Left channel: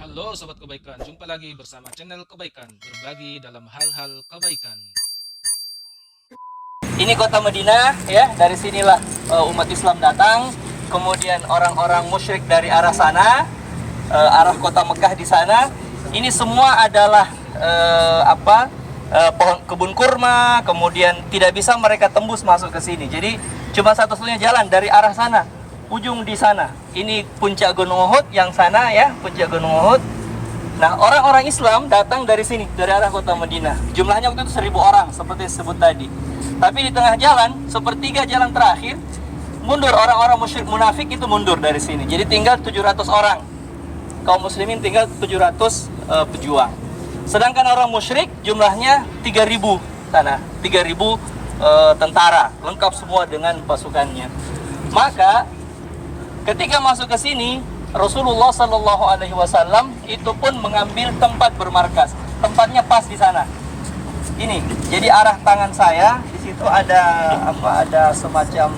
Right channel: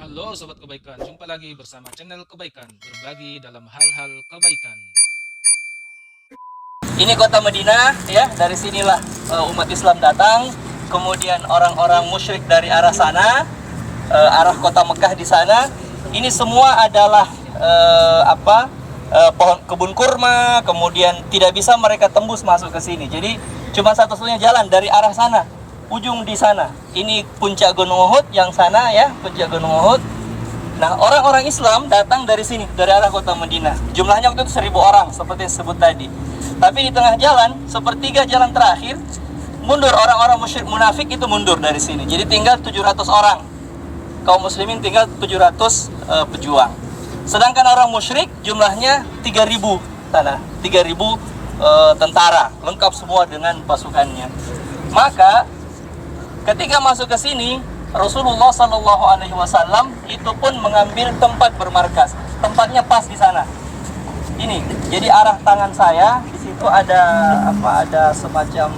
Halo Sobat Kebaikan, jumpa lagi bersama channel Kebaikan, berbagi dalam hal-hal kebaikan. Ini kota Madinah ya, dari sinilah umat Islam datang. Kemudian orang-orang musyrik dari arah sana, arah kota Mekah di sana. Ini semua adalah pohon kebun kurma. Kemudian tidak bisa mereka tembus masuk ke sini. Jadi cuma satu-satunya jalan dari arah sana, ujung di sana. Ini puncak Gunung Uhud, yang sana ya, puncak Gunung Uhud. Nah, orang-orang Islam datang dari sini, dari arah kota Madinah. Jumlahnya waktu itu 1.000 orang, seperti disebut tadi. Tapi di tengah jalan, sepertiga jalan terakhir, mundur orang-orang musyrik munafik itu mundur dari sini. Jadi tinggal 700 orang. Kaum muslimin tinggal 700 pejuang. Sedangkan orang musyrik jumlahnya 3.000 sana, 3.000 tentara, lengkap semua dengan pasukannya. Maka ketika masuk ke sini, Rasulullah Shallallahu Alaihi Wasallam itu pun mengambil tempat bermarkas. Tempatnya pas di sana. Ini, jadi arah tangan saya di situ ada Ada semacam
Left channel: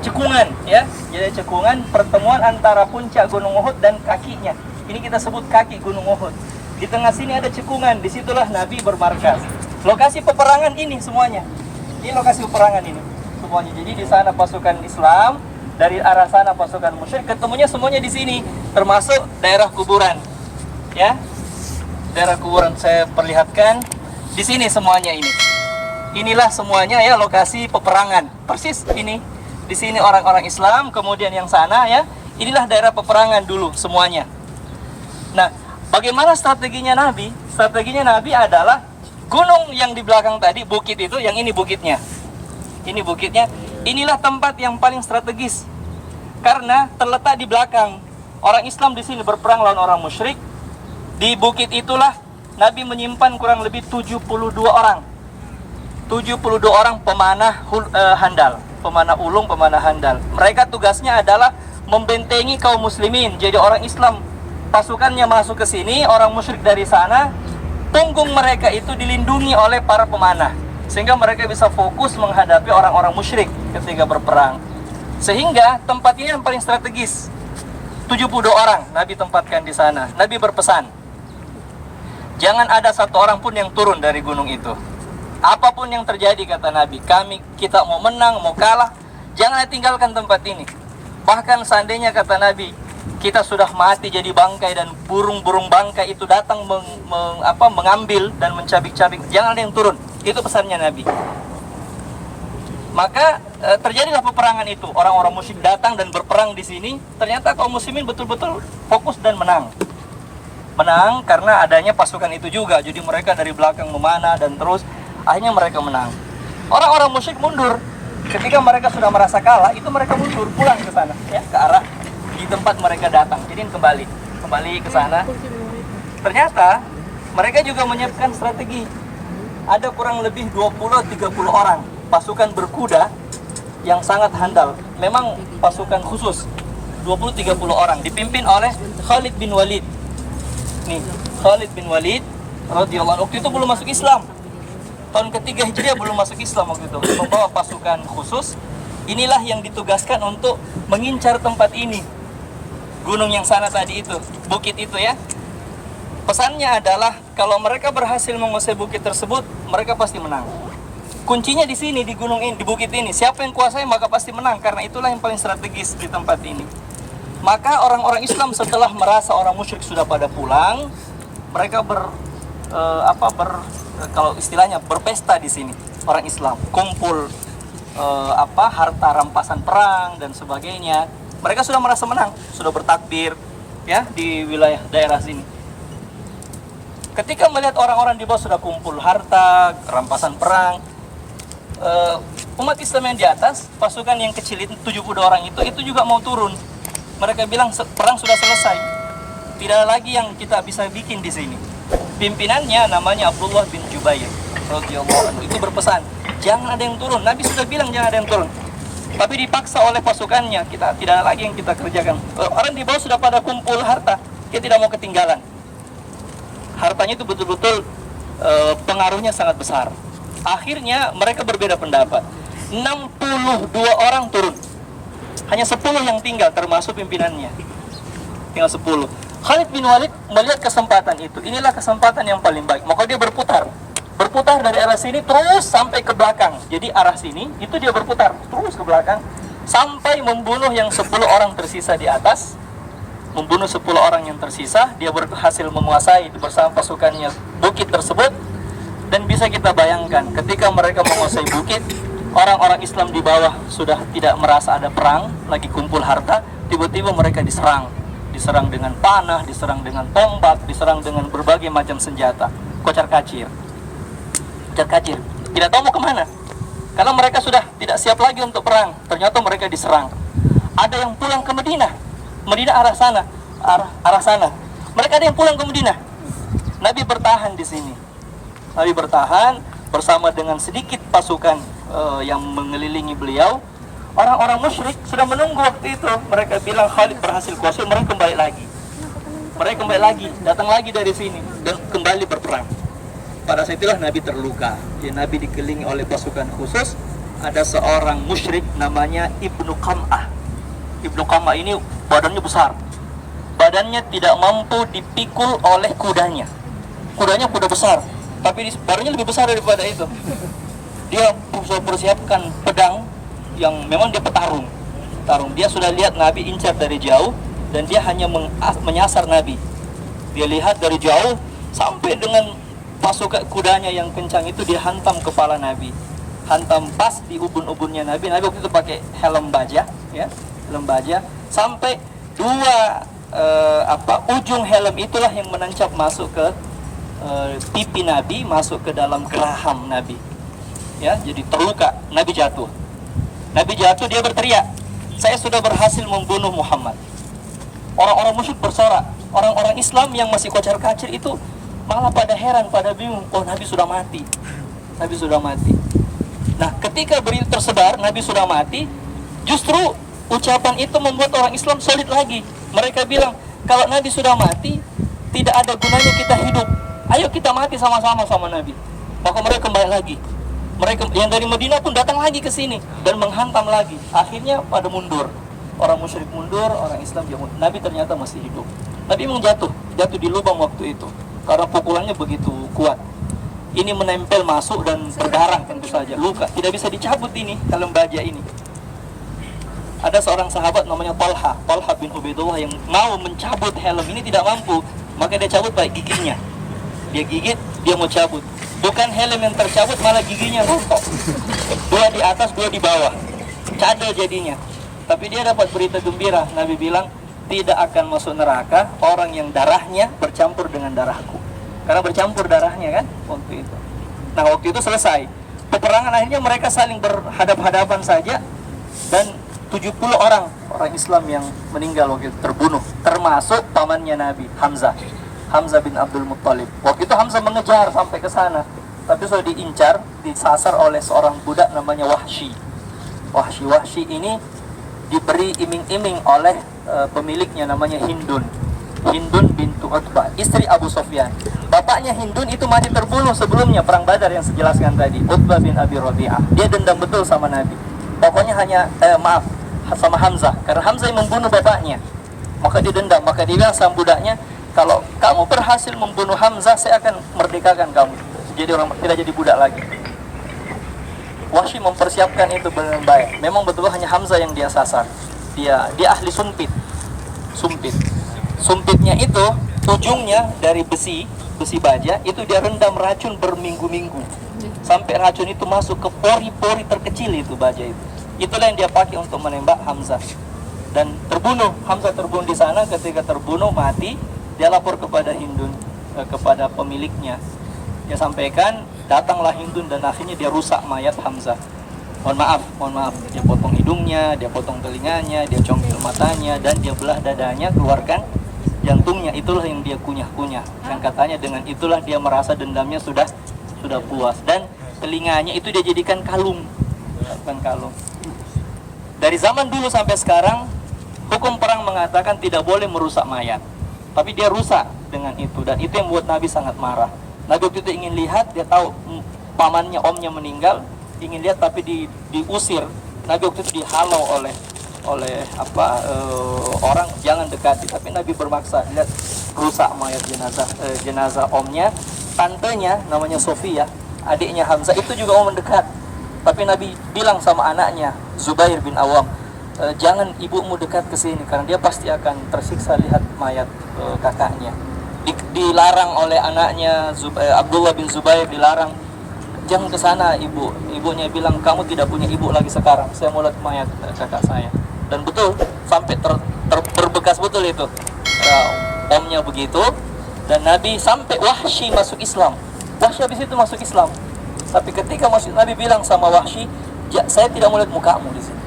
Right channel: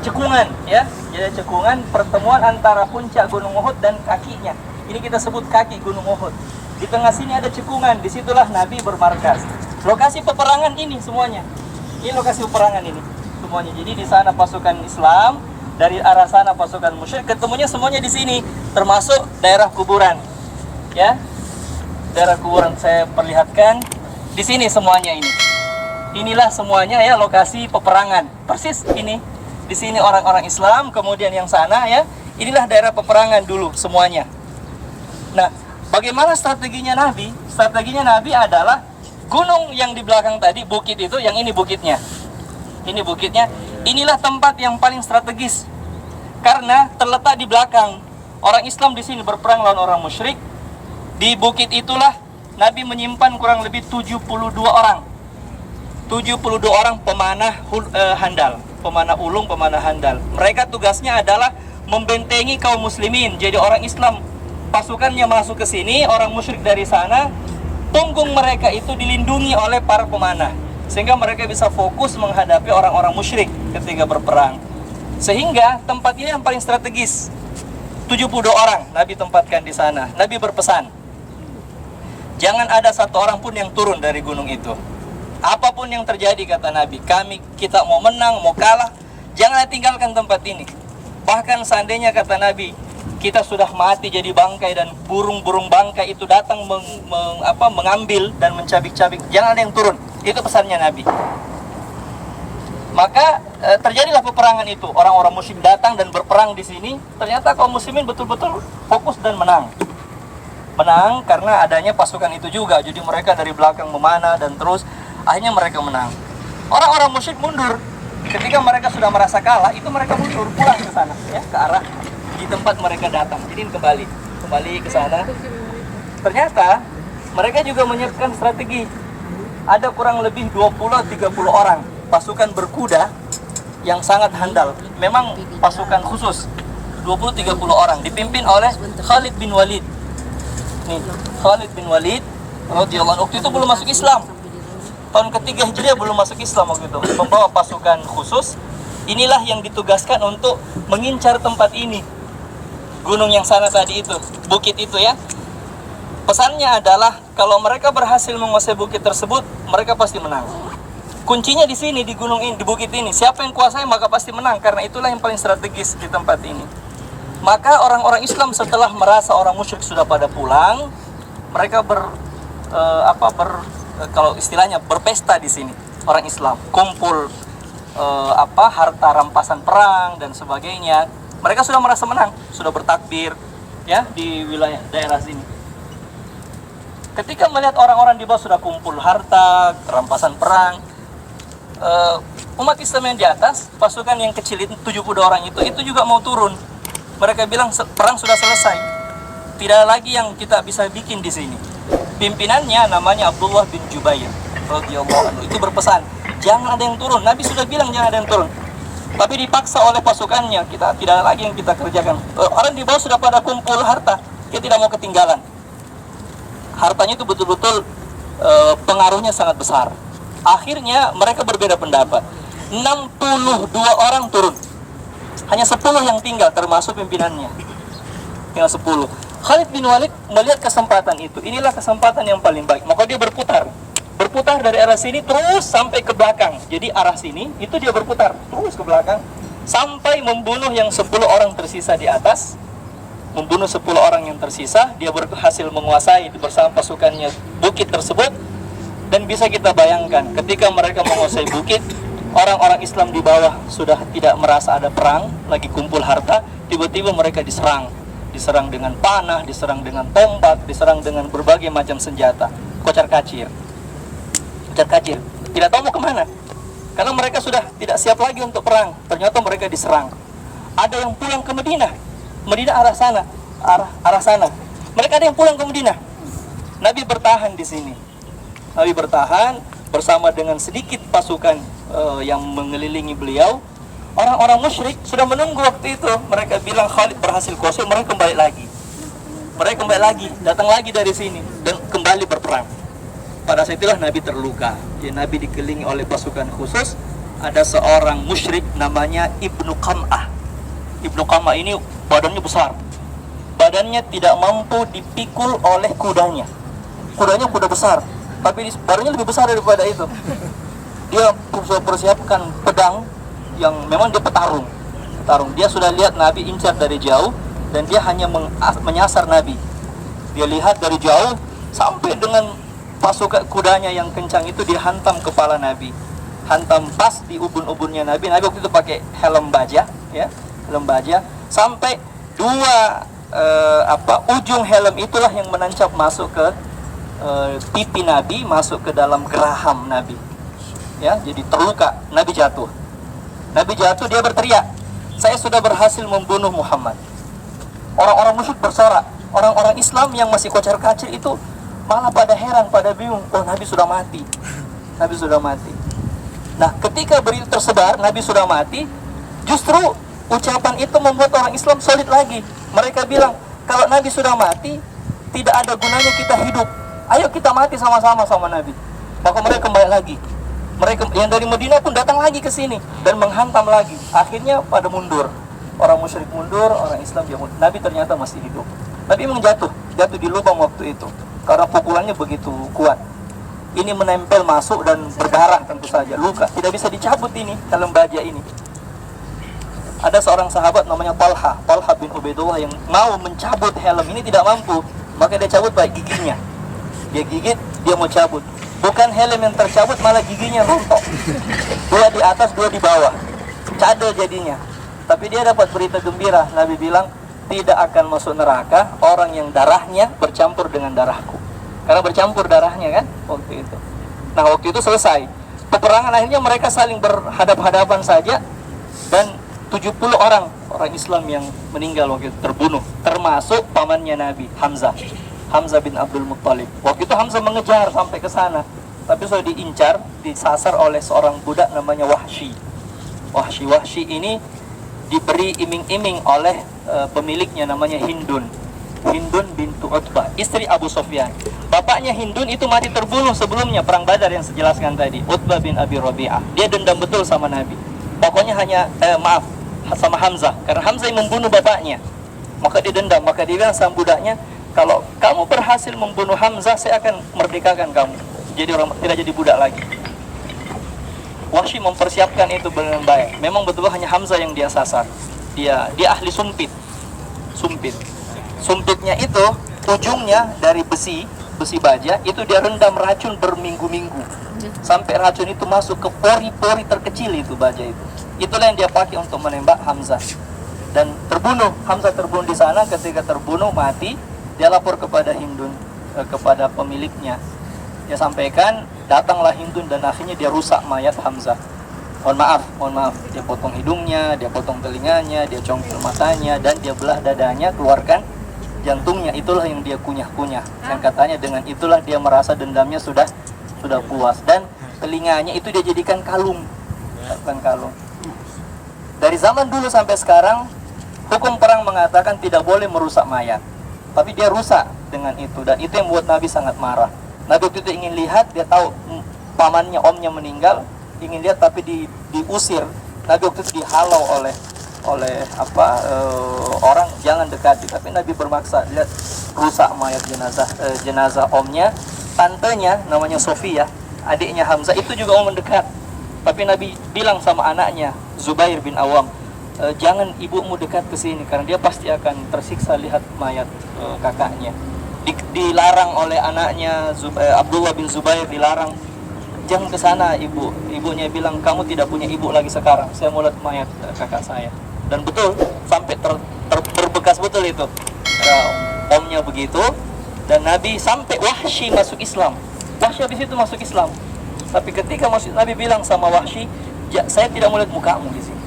cekungan, ya. Jadi cekungan pertemuan antara puncak Gunung Uhud dan kakinya. Ini kita sebut kaki Gunung Uhud. Di tengah sini ada cekungan, disitulah Nabi bermarkas. Lokasi peperangan ini semuanya. Ini lokasi peperangan ini semuanya. Jadi di sana pasukan Islam, dari arah sana pasukan musyrik, ketemunya semuanya di sini, termasuk daerah kuburan, ya. Daerah kuburan saya perlihatkan di sini semuanya ini. Inilah semuanya ya lokasi peperangan. Persis ini. Di sini orang-orang Islam, kemudian yang sana ya. Inilah daerah peperangan dulu semuanya. Nah, bagaimana strateginya Nabi? Strateginya Nabi adalah gunung yang di belakang tadi, bukit itu, yang ini bukitnya. Ini bukitnya. Inilah tempat yang paling strategis. Karena terletak di belakang. Orang Islam di sini berperang lawan orang musyrik. Di bukit itulah Nabi menyimpan kurang lebih 72 orang. 72 orang pemanah handal, pemanah ulung, pemanah handal. Mereka tugasnya adalah membentengi kaum muslimin. Jadi orang Islam pasukannya masuk ke sini, orang musyrik dari sana, punggung mereka itu dilindungi oleh para pemanah, sehingga mereka bisa fokus menghadapi orang-orang musyrik ketika berperang. Sehingga tempat ini yang paling strategis. 72 orang Nabi tempatkan di sana. Nabi berpesan, jangan ada satu orang pun yang turun dari gunung itu. Apapun yang terjadi, kata Nabi, kita mau menang, mau kalah, jangan tinggalkan tempat ini. Bahkan seandainya, kata Nabi, kita sudah mati jadi bangkai dan burung-burung bangkai itu datang mengambil dan mencabik-cabik, jangan ada yang turun. Itu pesannya Nabi. Maka terjadilah peperangan itu. Orang-orang musyrik datang dan berperang di sini. Ternyata kaum muslimin betul-betul fokus dan menang. Menang karena adanya pasukan itu juga. Jadi mereka dari belakang memanah dan terus akhirnya mereka menang. Orang-orang musyrik mundur. Ketika mereka sudah merasa kalah, itu mereka mundur pulang ke sana, ya, ke arah di tempat mereka datang. Jadi kembali ke sana. Ternyata mereka juga menyiapkan strategi. Ada kurang lebih 20-30 orang pasukan berkuda yang sangat handal. Memang pasukan khusus 20-30 orang dipimpin oleh Khalid bin Walid. Nih, Khalid bin Walid radhiyallahu anhu, waktu itu belum masuk Islam. Tahun ketiga Hijriah belum masuk Islam waktu itu. Membawa pasukan khusus. Inilah yang ditugaskan untuk mengincar tempat ini. Gunung yang sana tadi itu, bukit itu ya. Pesannya adalah kalau mereka berhasil menguasai bukit tersebut, mereka pasti menang. Kuncinya di sini, di gunung ini, di bukit ini. Siapa yang kuasai maka pasti menang, karena itulah yang paling strategis di tempat ini. Maka orang-orang Islam setelah merasa orang musyrik sudah pada pulang, mereka kalau istilahnya berpesta di sini. Orang Islam kumpul harta rampasan perang dan sebagainya. Mereka sudah merasa menang, sudah bertakbir ya di wilayah daerah sini. Ketika melihat orang-orang di bawah sudah kumpul harta, rampasan perang, umat Islam yang di atas, pasukan yang kecil itu 72 orang itu juga mau turun. Mereka bilang perang sudah selesai, tidak lagi yang kita bisa bikin di sini. Pimpinannya namanya Abdullah bin Jubair radhiyallahu anhu, itu berpesan, jangan ada yang turun. Nabi sudah bilang jangan ada yang turun, tapi dipaksa oleh pasukannya, kita tidak lagi yang kita kerjakan. Orang di bawah sudah pada kumpul harta, kita tidak mau ketinggalan. Hartanya itu betul-betul pengaruhnya sangat besar. Akhirnya mereka berbeda pendapat. 62 orang turun, hanya 10 yang tinggal termasuk pimpinannya. tinggal 10. Khalid bin Walid melihat kesempatan itu. Inilah kesempatan yang paling baik. Maka dia berputar. Berputar dari arah sini terus sampai ke belakang. Jadi arah sini itu dia berputar terus ke belakang sampai membunuh yang 10 orang tersisa di atas. Membunuh 10 orang yang tersisa. Dia berhasil menguasai bersama pasukannya bukit tersebut. Dan bisa kita bayangkan ketika mereka menguasai bukit, orang-orang Islam di bawah sudah tidak merasa ada perang, lagi kumpul harta, tiba-tiba mereka diserang dengan panah, diserang dengan tombak, diserang dengan berbagai macam senjata, kocar kacir, tidak tahu mau kemana, karena mereka sudah tidak siap lagi untuk perang. Ternyata mereka diserang. Ada yang pulang ke Madinah arah sana, mereka ada yang pulang ke Madinah. Nabi bertahan di sini. Nabi bertahan bersama dengan sedikit pasukan yang mengelilingi beliau. Orang-orang musyrik sudah menunggu waktu itu. Mereka bilang Khalid berhasil kuasai, mereka kembali lagi, datang lagi dari sini dan kembali berperang. Pada saat itulah Nabi terluka. Ya, Nabi dikelilingi oleh pasukan khusus. Ada seorang musyrik namanya Ibnu Qam'ah. Ibnu Qam'ah ini badannya besar. Badannya tidak mampu dipikul oleh kudanya. Kudanya kuda besar, tapi badannya lebih besar daripada itu. Dia sudah persiapkan pedang yang memang dia petarung. Dia sudah lihat Nabi incar dari jauh dan dia hanya menyasar Nabi. Dia lihat dari jauh sampai dengan pasukan kudanya yang kencang itu dia hantam kepala Nabi. Hantam pas di ubun-ubunnya Nabi. Nabi waktu itu pakai helm baja, ya, helm baja. Sampai ujung helm itulah yang menancap masuk ke pipi Nabi, masuk ke dalam geraham Nabi. Ya, jadi terluka. Nabi jatuh, dia berteriak, saya sudah berhasil membunuh Muhammad. Orang-orang musyrik bersorak. Orang-orang Islam yang masih kocar kacir itu malah pada heran, pada bingung. Oh, Nabi sudah mati. Nah, ketika berita tersebar Nabi sudah mati, justru ucapan itu membuat orang Islam solid lagi. Mereka bilang, kalau Nabi sudah mati, tidak ada gunanya kita hidup. Ayo kita mati sama-sama sama Nabi. Maka mereka kembali lagi. Mereka yang dari Madinah pun datang lagi ke sini dan menghantam lagi. Akhirnya pada mundur. Orang musyrik mundur, orang Islam juga mundur. Nabi ternyata masih hidup. Nabi memang jatuh di lubang waktu itu karena pukulannya begitu kuat. Ini menempel masuk dan berdarah tentu saja, luka. Tidak bisa dicabut ini helm baja ini. Ada seorang sahabat namanya Talha bin Ubaidullah yang mau mencabut helm ini, tidak mampu. Maka dia cabut baik giginya. Dia gigit, dia mau cabut. Bukan helm yang tercabut, malah giginya rontok. 2 di atas, 2 di bawah. Cadel jadinya. Tapi dia dapat berita gembira. Nabi bilang, tidak akan masuk neraka orang yang darahnya bercampur dengan darahku. Karena bercampur darahnya kan waktu itu. Nah, waktu itu selesai. Peperangan akhirnya mereka saling berhadap-hadapan saja. Dan 70 orang Islam yang meninggal waktu itu terbunuh. Termasuk pamannya Nabi, Hamzah bin Abdul Muttalib. Waktu itu Hamzah mengejar sampai ke sana, tapi sudah diincar, disasar oleh seorang budak namanya Wahsy. Wahsy ini diberi iming-iming oleh pemiliknya namanya Hindun bintu Utbah, istri Abu Sufyan. Bapaknya Hindun itu mati terbunuh sebelumnya perang Badar yang saya jelaskan tadi, Utbah bin Abi Rabi'ah. Dia dendam betul sama Nabi. Pokoknya sama Hamzah, karena Hamzah yang membunuh bapaknya. Maka dia dendam, maka dia bilang sama budaknya, kalau kamu berhasil membunuh Hamzah, saya akan merdekakan kamu. Jadi orang tidak jadi budak lagi. Wahsy mempersiapkan itu dengan baik. Memang betul hanya Hamzah yang dia sasar. Dia ahli sumpit. Sumpitnya itu ujungnya dari besi baja, itu dia rendam racun berminggu-minggu. Sampai racun itu masuk ke pori-pori terkecil itu baja itu. Itulah yang dia pakai untuk menembak Hamzah. Dan Hamzah terbunuh di sana. Ketika terbunuh mati, dia lapor kepada Hindun, kepada pemiliknya. Dia sampaikan, datanglah Hindun dan akhirnya dia rusak mayat Hamzah. Mohon maaf. Dia potong hidungnya, dia potong telinganya, dia congkel matanya, dan dia belah dadanya, keluarkan jantungnya. Itulah yang dia kunyah-kunyah. Dan katanya dengan itulah dia merasa dendamnya sudah puas. Dan telinganya itu dia jadikan kalung. Dari zaman dulu sampai sekarang, hukum perang mengatakan tidak boleh merusak mayat. Tapi dia rusak dengan itu, dan itu yang membuat Nabi sangat marah. Nabi waktu itu ingin lihat, dia tahu pamannya, omnya meninggal, ingin lihat tapi diusir. Nabi waktu itu dihalau oleh oleh orang, jangan dekati. Tapi Nabi bermaksa, lihat rusak mayat jenazah omnya, tantenya namanya Sofia, adiknya Hamzah itu juga mau mendekat. Tapi Nabi bilang sama anaknya Zubair bin Awam, jangan ibumu dekat ke sini karena dia pasti akan tersiksa lihat mayat kakaknya. Dilarang oleh anaknya Abdullah bin Zubair, dilarang, jangan ke sana ibu. Ibunya bilang, kamu tidak punya ibu lagi sekarang, saya mau lihat mayat kakak saya. Dan betul, sampai berbekas betul itu. Omnya begitu, dan Nabi sampai Wahsy masuk Islam. Wahsy habis itu masuk Islam. Tapi ketika masuk, Nabi bilang sama Wahsy, saya tidak mau lihat mukamu di sini.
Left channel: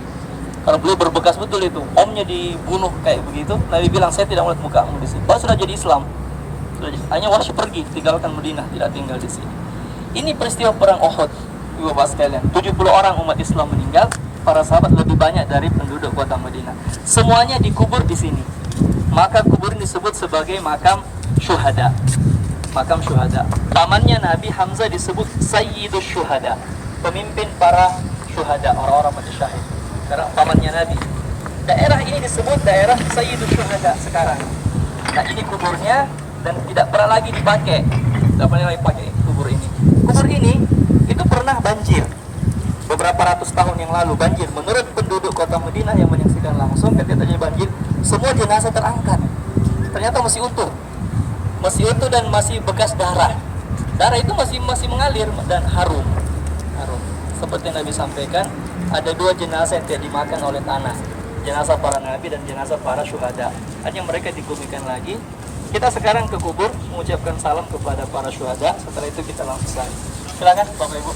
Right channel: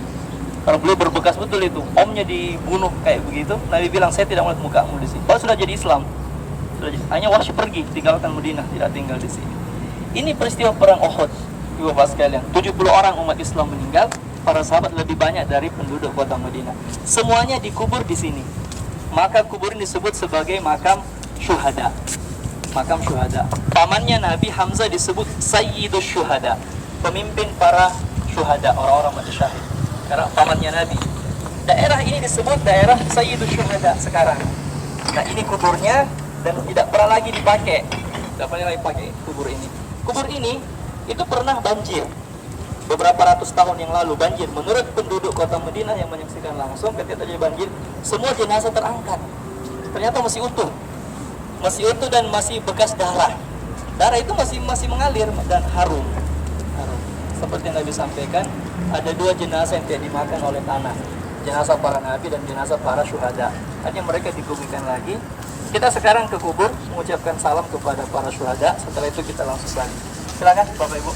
Karena beliau berbekas betul itu, omnya dibunuh kayak begitu. Nabi bilang, saya tidak mau lihat mukamu di sini. Baru sudah jadi Islam. Hanya Wahsy pergi, tinggalkan Madinah, tidak tinggal di sini. Ini peristiwa perang Uhud, ibu bapak sekalian. 70 orang umat Islam meninggal, para sahabat lebih banyak dari penduduk kota Madinah. Semuanya dikubur di sini. Maka kubur ini disebut sebagai makam syuhada. Makam syuhada. Pamannya Nabi Hamzah disebut Sayyidus Syuhada, pemimpin para syuhada, orang-orang mati syahid. Karena pamannya Nabi. Daerah ini disebut daerah Sayyidus Syuhada sekarang. Nah, ini kuburnya dan tidak pernah lagi dipakai. Tidak pernah lagi pakai kubur ini. Kubur ini itu pernah banjir. Beberapa ratus tahun yang lalu banjir. Menurut penduduk kota Madinah yang menyaksikan langsung ketika terjadi banjir, semua jenazah terangkat. Ternyata masih utuh. Masih utuh dan masih bekas darah. Darah itu masih mengalir dan harum. Seperti yang Nabi sampaikan, ada 2 jenazah yang tidak dimakan oleh tanah. Jenazah para nabi dan jenazah para syuhada. Hanya mereka dikuburkan lagi. Kita sekarang ke kubur mengucapkan salam kepada para syuhada. Setelah itu kita langsung balik. Silakan Bapak Ibu.